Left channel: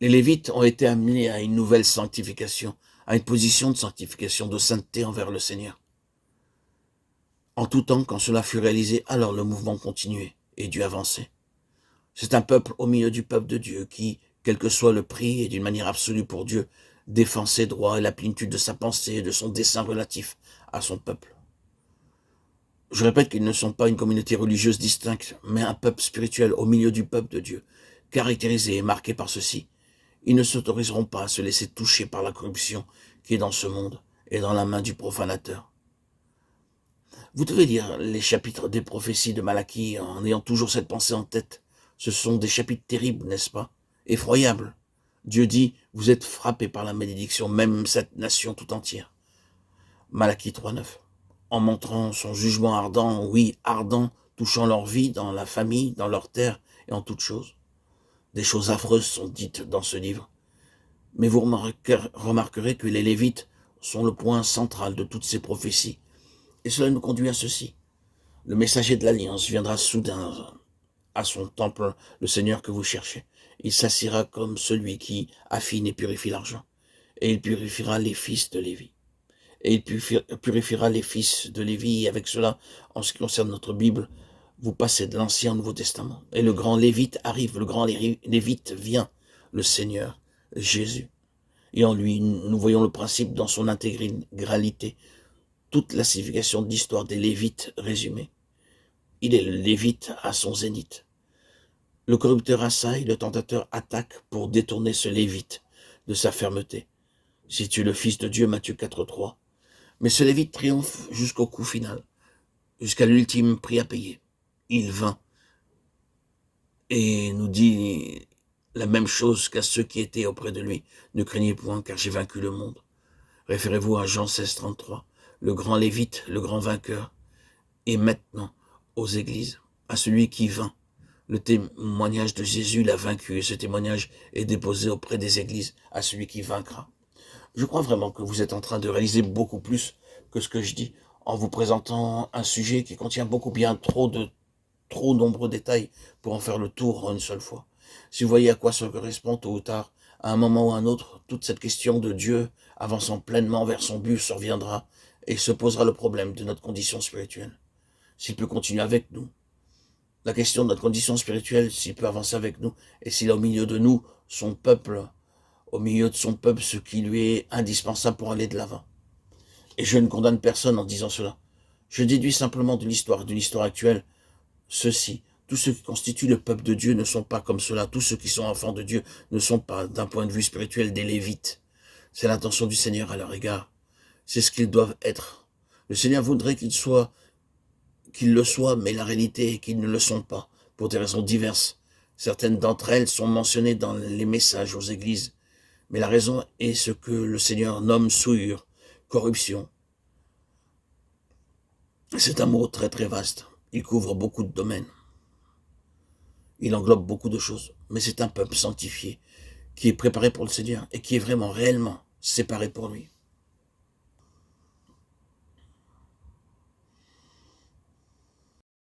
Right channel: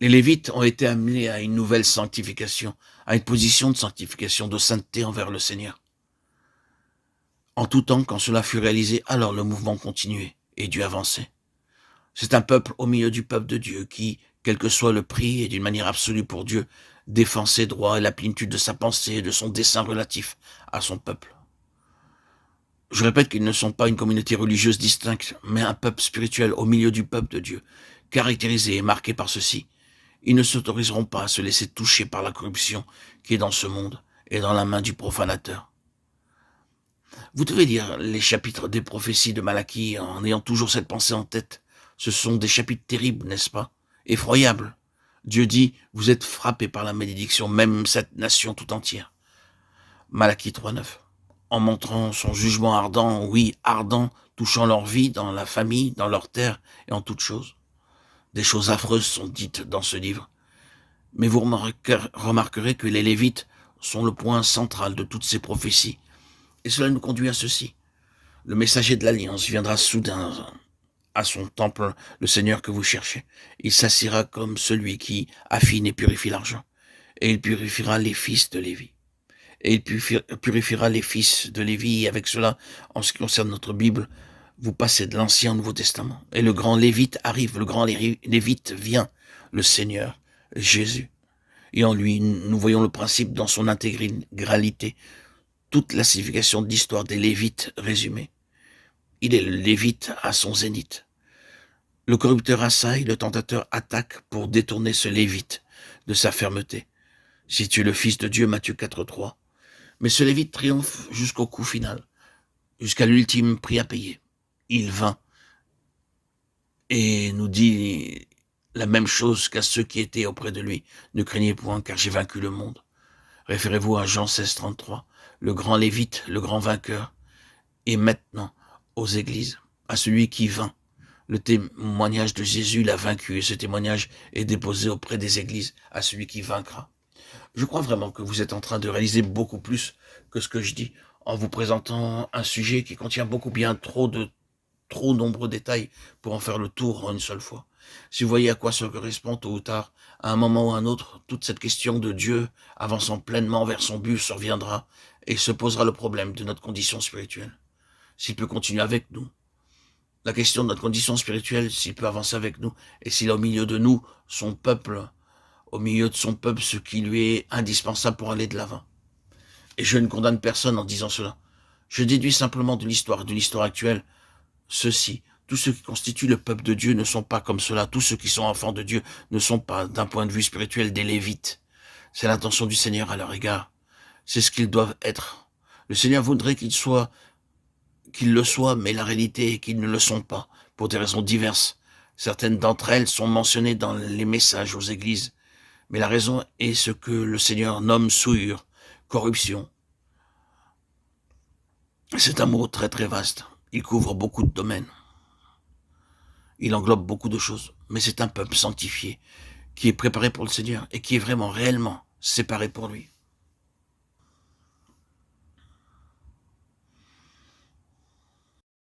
Les Lévites ont été amenés à une nouvelle sanctification, à une position de sanctification, de sainteté envers le Seigneur. En tout temps, quand cela fut réalisé, alors le mouvement continuait et Dieu avançait. C'est un peuple au milieu du peuple de Dieu qui, quel que soit le prix et d'une manière absolue pour Dieu, défend ses droits et la plénitude de sa pensée et de son dessein relatif à son peuple. Je répète qu'ils ne sont pas une communauté religieuse distincte, mais un peuple spirituel au milieu du peuple de Dieu, caractérisé et marqué par ceci. Ils ne s'autoriseront pas à se laisser toucher par la corruption qui est dans ce monde et dans la main du profanateur. Vous devez lire les chapitres des prophéties de Malachie en ayant toujours cette pensée en tête. Ce sont des chapitres terribles, n'est-ce pas? Effroyables. Dieu dit, vous êtes frappés par la malédiction, même cette nation tout entière. Malachie 3,9. En montrant son jugement ardent, oui, ardent, touchant leur vie, dans la famille, dans leur terre et en toutes choses. Des choses affreuses sont dites dans ce livre. Mais vous remarquerez que les Lévites sont le point central de toutes ces prophéties. Et cela nous conduit à ceci. Le messager de l'Alliance viendra soudain à son temple, le Seigneur que vous cherchez. Il s'assiera comme celui qui affine et purifie l'argent. Et il purifiera les fils de Lévi. Et il purifiera les fils de Lévi. Et avec cela, en ce qui concerne notre Bible, vous passez de l'Ancien au Nouveau Testament. Et le grand Lévite arrive, le grand Lévite vient, le Seigneur, Jésus. Et en lui, nous voyons le principe dans son intégralité, toute la signification de l'histoire des Lévites résumée. Il est le Lévite à son zénith. Le corrupteur assaille, le tentateur attaque pour détourner ce Lévite de sa fermeté. Si tu es le Fils de Dieu, Matthieu 4,3. Mais ce Lévite triomphe jusqu'au coup final, jusqu'à l'ultime prix à payer. Il vint et nous dit la même chose qu'à ceux qui étaient auprès de lui. Ne craignez point, car j'ai vaincu le monde. Référez-vous à Jean 16,33. Le grand Lévite, le grand vainqueur, et maintenant aux églises, à celui qui vint. Le témoignage de Jésus l'a vaincu et ce témoignage est déposé auprès des églises à celui qui vaincra. Je crois vraiment que vous êtes en train de réaliser beaucoup plus que ce que je dis en vous présentant un sujet qui contient beaucoup bien trop nombreux détails pour en faire le tour en une seule fois. Si vous voyez à quoi ça correspond tôt ou tard, à un moment ou à un autre, toute cette question de Dieu avançant pleinement vers son but surviendra et se posera le problème de notre condition spirituelle. S'il peut continuer avec nous, la question de notre condition spirituelle, s'il peut avancer avec nous, et s'il a au milieu de nous, son peuple, au milieu de son peuple, ce qui lui est indispensable pour aller de l'avant. Et je ne condamne personne en disant cela. Je déduis simplement de l'histoire actuelle, ceci. Tous ceux qui constituent le peuple de Dieu ne sont pas comme cela. Tous ceux qui sont enfants de Dieu ne sont pas, d'un point de vue spirituel, des Lévites. C'est l'intention du Seigneur à leur égard. C'est ce qu'ils doivent être. Le Seigneur voudrait qu'ils le soient, mais la réalité est qu'ils ne le sont pas, pour des raisons diverses. Certaines d'entre elles sont mentionnées dans les messages aux églises, mais la raison est ce que le Seigneur nomme souillure, corruption. C'est un mot très très vaste. Il couvre beaucoup de domaines. Il englobe beaucoup de choses, mais c'est un peuple sanctifié, qui est préparé pour le Seigneur et qui est vraiment, réellement séparé pour lui.